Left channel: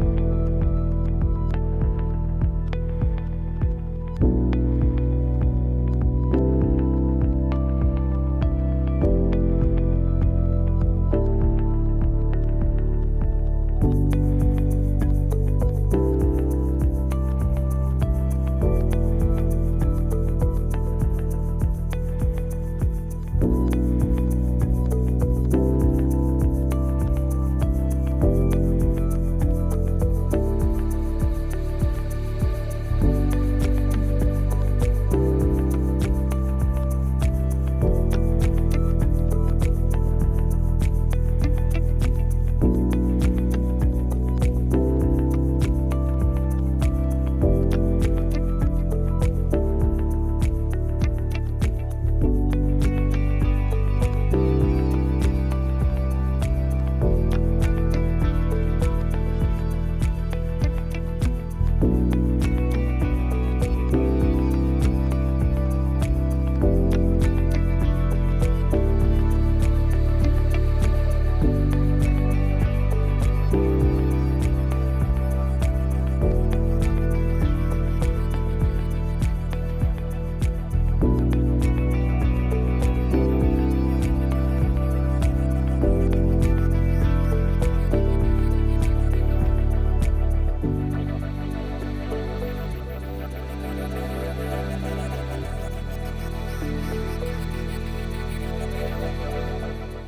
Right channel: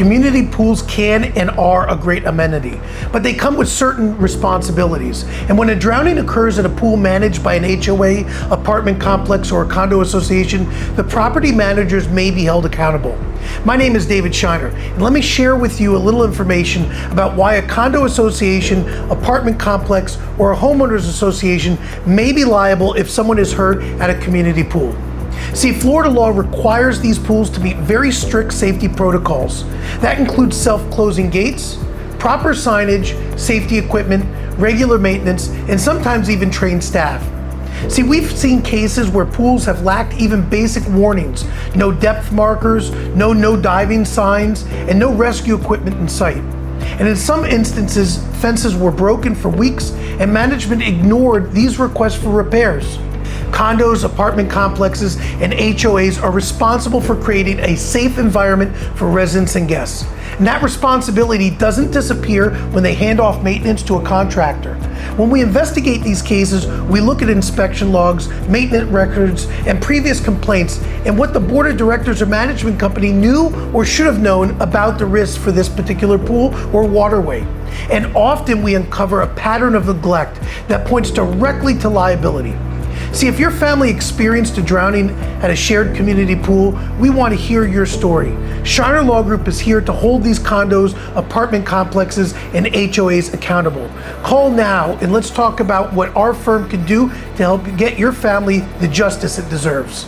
Community pools can and are a great amenity, but they come with certain responsibilities. And when a drowning occurs in a pool managed by an HOA, apartment complex, or a condo association, the property managers may be held accountable. My name is David Shiner, and let me share with you a little information about why a condo association, apartment complex, or a homeowners association may be liable if someone is hurt at a community pool. See, Florida law requires these pools to meet very strict safety protocols. That includes self-closing gates, proper signage, safety equipment, regular maintenance, and sometimes even trained staff. See, we've seen cases where pools have lacked even basic warnings: no depth markers, no diving signs, and no rescue equipment in sight. And in some instances, fences were broken for weeks and management ignored these requests for repairs. Condos, apartment complexes, and HOAs are responsible for creating a safe environment for residents and guests. And that responsibility doesn't disappear when they hand off maintenance to a contractor. When we investigate these cases, we look at inspection logs, maintenance records, and previous complaints, and what the board of directors or management company knew or should have known about the risks for this particular pool or waterway. And often we uncover a pattern of neglect that points directly to liability. See, if your family experienced a drowning at a shared community pool, we want to hear your story. Shiner Law Group is here to hold these condos, apartment complexes, and HOAs accountable. Call now and let's talk about what our firm can do to help get your family the justice it deserves.